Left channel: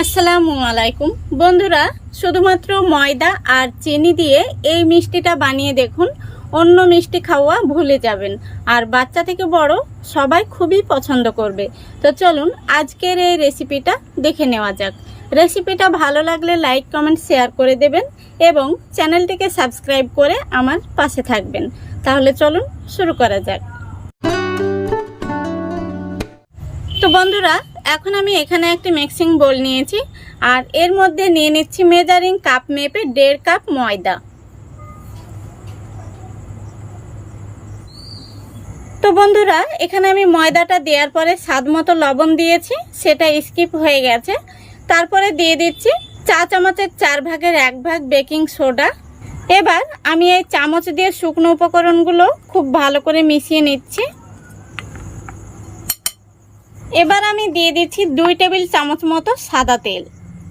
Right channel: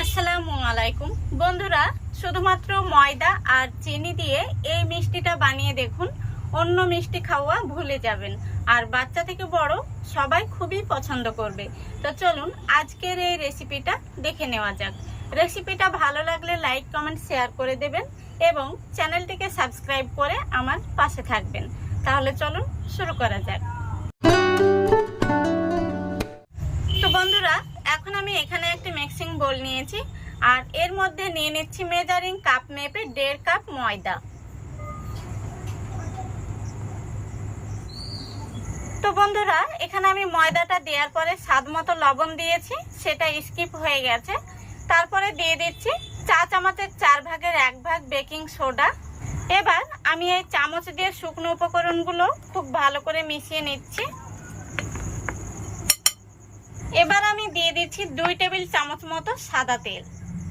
আসসালামু আলাইকুম বন্ধুরা, শুধুমাত্র ময়দা আর চিনি দিয়ে এই মিষ্টিটা বানিয়ে দেখুন। অন্য মিষ্টি খাওয়া ভুলে যাবেন, আর বাচ্চা থেকে বড় সবাই খুবই পছন্দ করবে। তো চলুন আজকের এই রেসিপিটা দেখে নেওয়া যাক। রেসিপিটা ভালো লাগলে লাইক কমেন্ট শেয়ার করে দেবেন এবং চ্যানেলটিকে সাবস্ক্রাইব করে আমার পাশে থাকবেন। তাহলে চলুন শুরু করা যাক। তো বন্ধুরা, এখন আমি এখানে একটি মিক্সিং বোল নিয়েছি আর এর মধ্যে নিয়ে নিচ্ছি মেজারিং কাপ মেপে 1.5 কাপ ময়দা। তো বন্ধুরা, এখানে আমি ময়দাটা দেওয়ার পরে স্বাদ মতো লবণ দিয়েছি, সেটা স্কিপ হয়ে গেছে। তারপরে দিয়ে দিচ্ছি চা চামচের 4 ভাগের 1 ভাগ বেকিং সোডা। এবার আমি এই চামচ দিয়ে শুকনো উপকরণগুলো খুব ভালো করে মিশিয়ে নিচ্ছি। এবার আমি দিয়ে দিচ্ছি 2 টেবিল চামচ মতো সাদা তেল।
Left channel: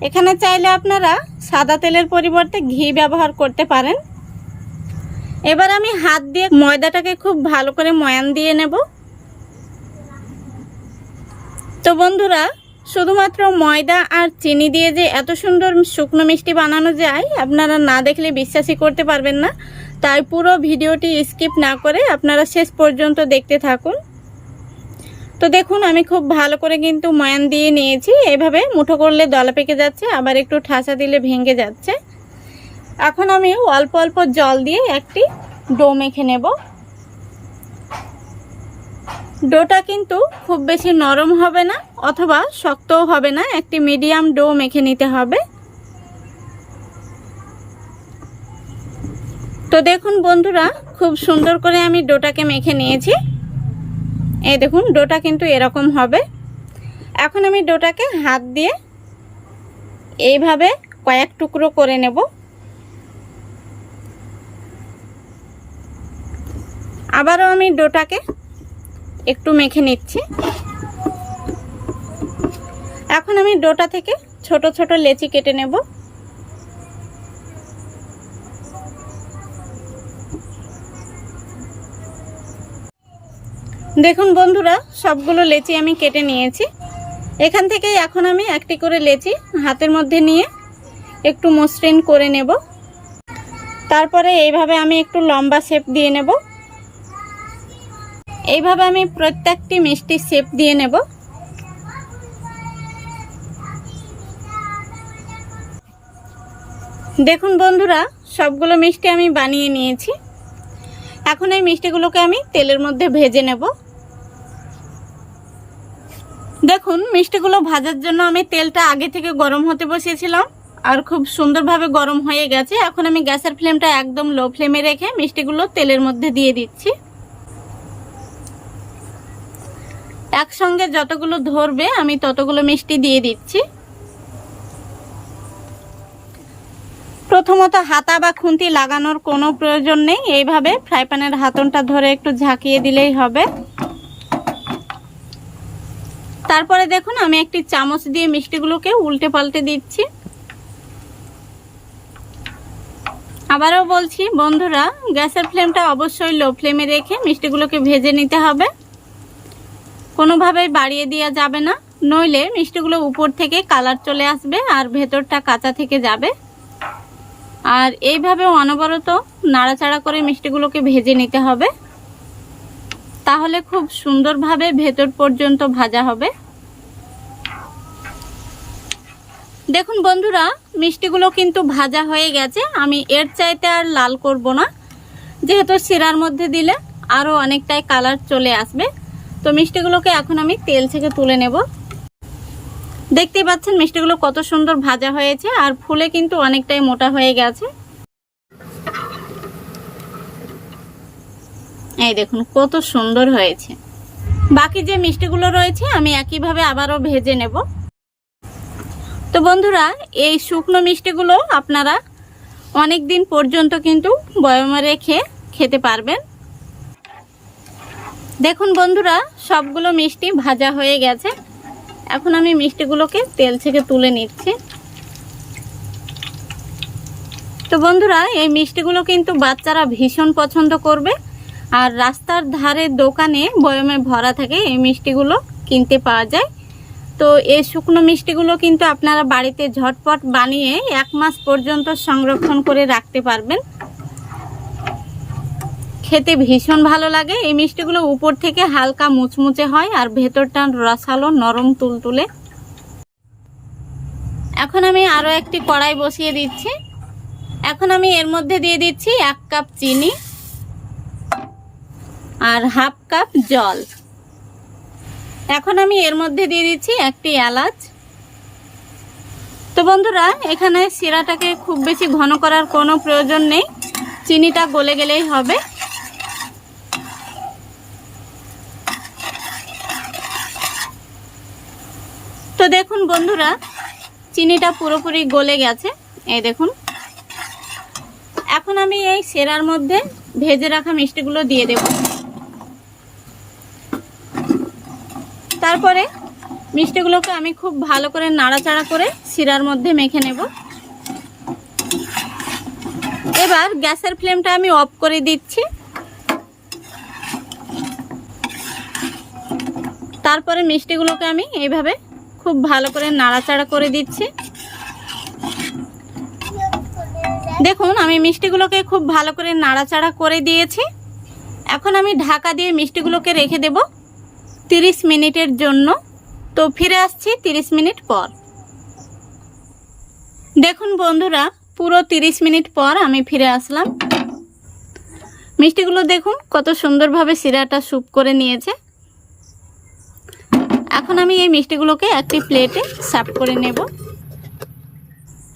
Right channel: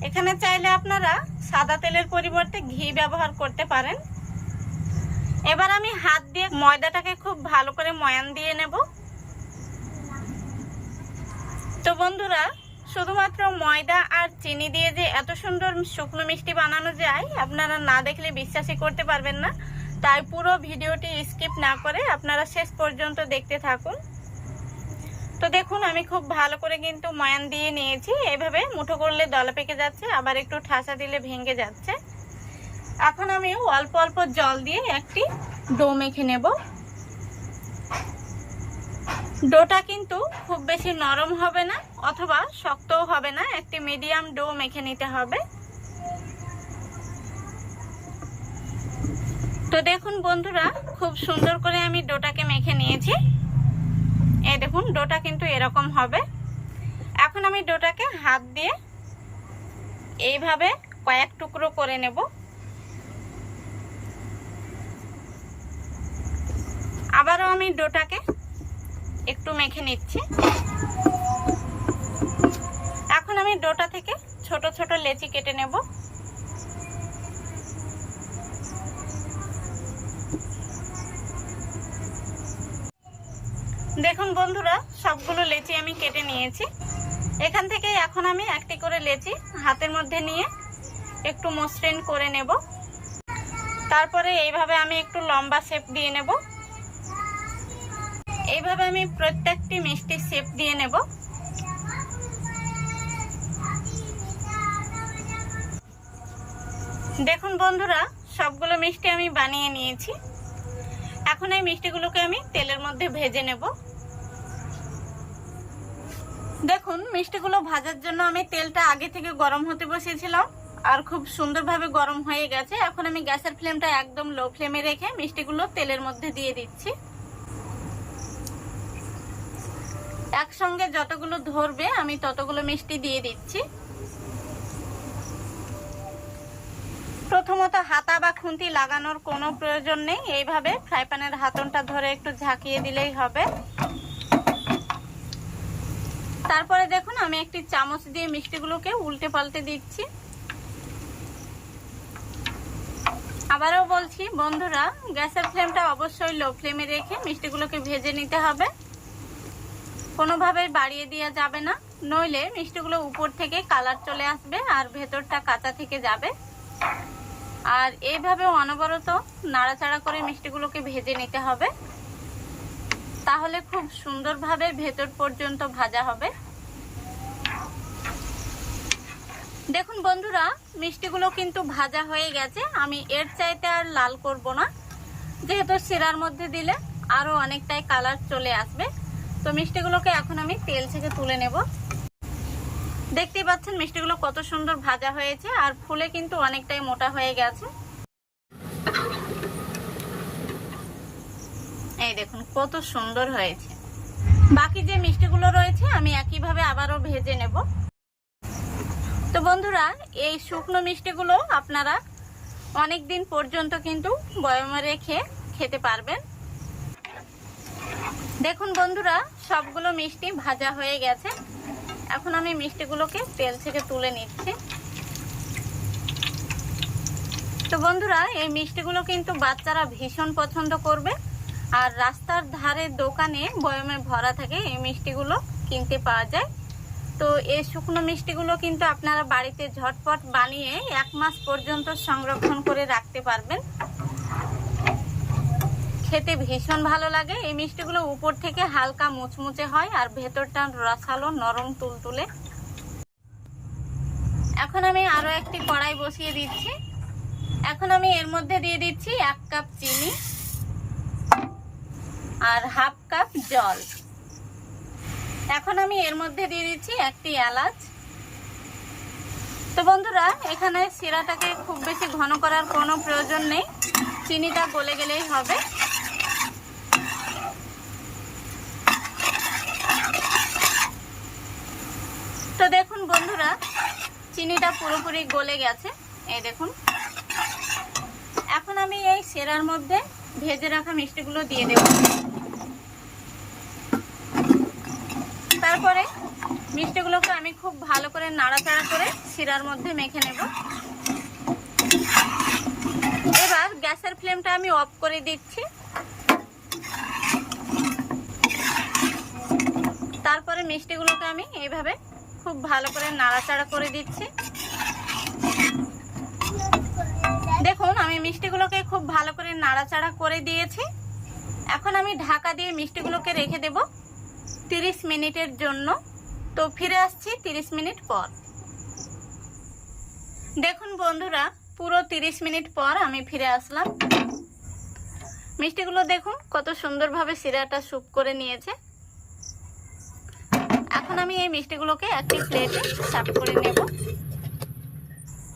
এখানে চাইলে আপনারা সাদা তেলের পরিবর্তে ঘি ব্যবহার করতে পারেন। এবার আমি হাত দিয়ে ময়দাটাকে খুব ভালো করে ময়ান দিয়ে নেব। তো বন্ধুরা, শুধুমাত্র ময়দা আর চিনি দিয়ে যে এত সুন্দর শুকনো মিষ্টি বানানো যায় আপনারা না দেখলে বিশ্বাসই করতে পারবেন না। তাই পুরো ভিডিওটি স্কিপ না করে আপনারা শেষ পর্যন্ত দেখতে থাকুন। তো দেখুন, আমি খুব ভালো করে কিন্তু ময়ান দিয়ে নিয়েছি। এইভাবে মুঠো করলে দলা পেকে যাচ্ছে, আবার একটু ঠাসা দিলে ভেঙে যাচ্ছে। এখন আমি অল্প অল্প জল দিয়ে একটি ডো মেখে নেব। ডোটা কিন্তু খুব বেশি নরম হবে না অথবা শক্তও হবে না, একটি মিডিয়াম ডো মেখে নিতে হবে। তো দেখুন বন্ধুরা, খুব সুন্দর করে আমি ডোটাকে মেখে নিয়েছি। এই দেখুন, ডোটা কিন্তু এরকম হবে। এখন আমি ডোটাকে হাত দিয়ে এইভাবে কয়েক টুকরো করে নেব। আবারও আমি ডোটাকে একটু মেখে নিচ্ছি। এখন আমি ডোটা থেকে ছোট ছোট লেচি কেটে নেব। দেখুন বন্ধুরা, সবগুলো লেচি আমি কেটে নিয়েছি। এখান থেকেই এখন আমি একটি করে লেচি হাতের মধ্যে নিয়ে একটু মসৃণ করে নেব। তারপরে এইভাবে আমি একটু লম্বা শেপ দিয়ে নেব। এইভাবে আমি প্রত্যেকটি মিষ্টির শেপ দিয়ে নেব। দেখুন বন্ধুরা, সবগুলো মিষ্টি আমি বানিয়ে নিয়েছি। এখন এই মিষ্টিগুলোকে আমি তেলের মধ্যে ভেজে নেব। দেখুন, মিষ্টিগুলো ভাজার জন্য আমি তেলটা আগে থেকে গরম হতে বসিয়েছিলাম আর খুব সুন্দরভাবে গরম হয়ে গেছে। এখন আমি গ্যাসের ফ্লেমটা একদম লো ফ্লেমে রেখে মিষ্টিগুলো তেলের মধ্যে দিয়ে দিচ্ছি। একসঙ্গে যতগুলো ধরবে আমি ততগুলো মিষ্টি দিয়ে দিচ্ছি। প্রথমত হাতা বা খুন্তি লাগানোর কোনো প্রয়োজন নেই, এইভাবে ফ্রাই প্যানের হাতনটা ধরে একটু ঝাঁকিয়ে দিলেই হবে। তারপরে দেখুন, আমি একটি চামচ দিয়ে মিষ্টিগুলোকে উল্টে পাল্টে দিচ্ছি। আবারও বলছি বন্ধুরা, গ্যাসের ফ্লেমটা অবশ্যই লো ফ্লেমে রেখে মিষ্টিগুলোকে ভেজে নিতে হবে। কোনোভাবেই বাড়িয়ে দেওয়া যাবে না, নইলে মিষ্টিগুলো উপর থেকে কালার চলে আসবে আর ভেতরটা কাঁচা থেকে যাবে। আর এইভাবে অনবরত নাড়াচাড়া করে মিষ্টিগুলোকে ভেজে নিতে হবে, তাহলে খুব সুন্দরভাবে ভেতর পর্যন্ত ভাজা হবে। দেখুন বন্ধুরা, মিষ্টিগুলো কিন্তু ভাজা হয়ে গেছে। আমি এর চাইতে আর লাল করব না, যেহেতু শিরার মধ্যে দিলে আরো অনেকটাই কালার চলে আসবে। তো মিষ্টিগুলোকে এখন আমি তেল থেকে তুলে নেব। দেখতে পাচ্ছেন মিষ্টিগুলো কত সুন্দর ভাজা হয়েছে আর ফুলে কিন্তু অনেকটাই মোটা হয়ে গেছে। এই দেখুন কত সুন্দর হয়েছে। বাকি যে মিষ্টিগুলো রয়েছে আমি একইভাবে আবারও ভেজে নেব। তো বন্ধুরা, এই শুকনো মিষ্টিগুলো আপনারা অনেক দিন পর্যন্ত কিন্তু বয়মে রেখে খেতে পারবেন। দেখুন বন্ধুরা, সবগুলো মিষ্টি ভাজা হয়ে গেছে। এখন আমি মিষ্টিগুলোকে তেল থেকে তুলে নিচ্ছি। তো বন্ধুরা, এই মিষ্টিগুলো কিন্তু বাচ্চারা ভীষণ পছন্দ করবে। আর রাস্তার ধারে দোকানে বয়মে ভরা থাকে এই মিষ্টিগুলো কিনতে পাওয়া যায়। তো এই শুকনো মিষ্টিগুলো কিন্তু আপনারা বাড়িতে ঝটপট বানিয়ে 1 মাস পর্যন্ত সংরক্ষণ করে রাখতে পারবেন। খেতে ভীষণ ভালো লাগে। এই মিষ্টিগুলো উপর থেকে হালকা মুচমুচে হয় আর ভেতরটা রসালো নরম তুলতুলে। এখন আমি আরও একটি কড়াই বসিয়ে দিচ্ছি। এখন আমি এর মধ্যে দিয়ে দিচ্ছি 1 কাপ চিনি আর হাফ কাপ জল। এখন আমি এর মধ্যে দিয়ে দিচ্ছি একটি এলাচ। তো বন্ধুরা, এখানে শিরাটাকে খুব বেশি ঘন করার কোনো প্রয়োজন নেই, চিনিটা গলে গেলেই হবে। তো দেখুন বন্ধুরা, চিনিটা পুরোপুরি গলে গেছে, এই দেখুন। এখন আমি এই শিরার মধ্যে ভেজে রাখা মিষ্টিগুলো দিয়ে দেব। তারপরে মিষ্টিগুলোকে আমি খুব ভালো করে নাড়াচাড়া করে শিরার মধ্যে মেখে নেব। এবার গ্যাসের ফ্লেমটা আমি অফ করে দিচ্ছি। তারপরে মিষ্টিগুলোকে আমি এইভাবে খুব ভালো করে নাড়াচাড়া করে দিচ্ছি। দেখুন, আমি মিষ্টিগুলোকে খুব ভালো করে নাড়াচাড়া করে দিয়েছি। এখন আমি ঢাকা দিয়ে মিষ্টিগুলোকে রেখে দেব 30 মিনিটের জন্য। তো ফিরে আসছি 30 মিনিট পর। দেখুন বন্ধুরা, পুরো 30 মিনিট পর আমি ফিরে আসলাম। মিষ্টিগুলো দেখুন কত সুন্দরভাবে শিরাটা স্যুপ করে নিয়েছে। এখন আমি এই মিষ্টিগুলোকে একটি প্লেটে সার্ভ করে নেব।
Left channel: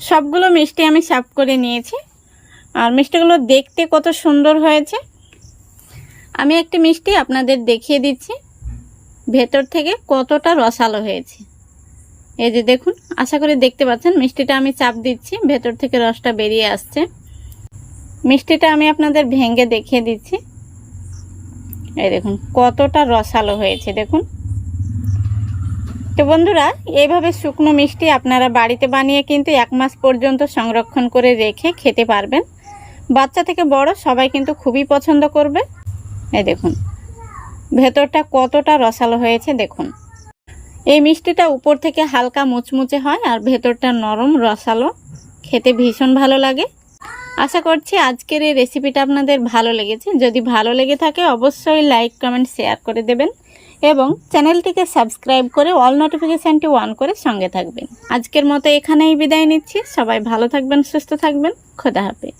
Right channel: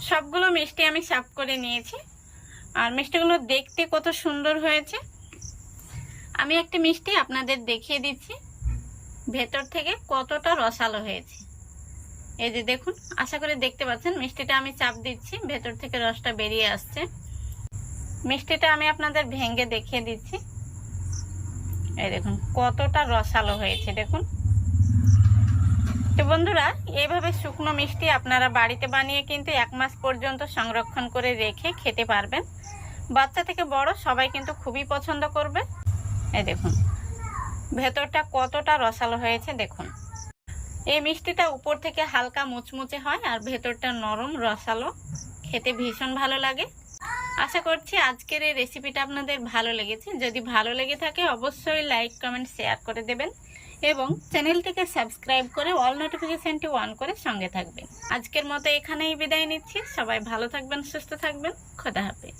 সবগুলো মিষ্টি আমি সার্ভ করে নিয়েছি। আর মিষ্টিগুলো দেখতে কত সুন্দর হয়েছে। আমি একটি মিষ্টি আপনাদের দেখিয়ে দিচ্ছি ভেতর থেকে কতটা রসালো হয়েছে। এই যে দেখুন, আশা করি দেখতে পাচ্ছেন। মিষ্টিটা আমি চাপ দিচ্ছি, ভেতর থেকে রসটা বেরিয়ে আসছে। মিষ্টিটা আমি আপনাদের ভেঙে দেখিয়ে দিচ্ছি। এই দেখুন কতটা রসালো হয়েছে, দেখুন। তো বন্ধুরা, এইভাবে শুকনো মিষ্টি আপনারা বাড়িতে বানিয়ে কিন্তু 1 মাস পর্যন্ত সংরক্ষণ করে রেখে খেতে পারবেন। বাচ্চা থেকে বড় সবাই কিন্তু খুবই পছন্দ করবে। এই দেখুন ভেতরটা কতটা রসালো হয়েছে, দেখুন। এই মিষ্টিটা উপর থেকে হালকা মুচমুচে হয় আর ভেতরটা নরম রসালো, খেতে ভীষণ ভালো লাগে। আশা করছি আজকের এই রেসিপিটা আপনাদের ভালো লেগেছে। যদি ভালো লেগে থাকে অবশ্যই লাইক, কমেন্ট, শেয়ার করে দেবেন এবং চ্যানেলটিকে সাবস্ক্রাইব করে অল নোটিফিকেশানটি অন করে সঙ্গে থাকবেন। আজকের মতো এখানেই বিদায় নিচ্ছি। সবাই ভালো থাকবেন, সুস্থ থাকবেন। খোদা হাফেজ।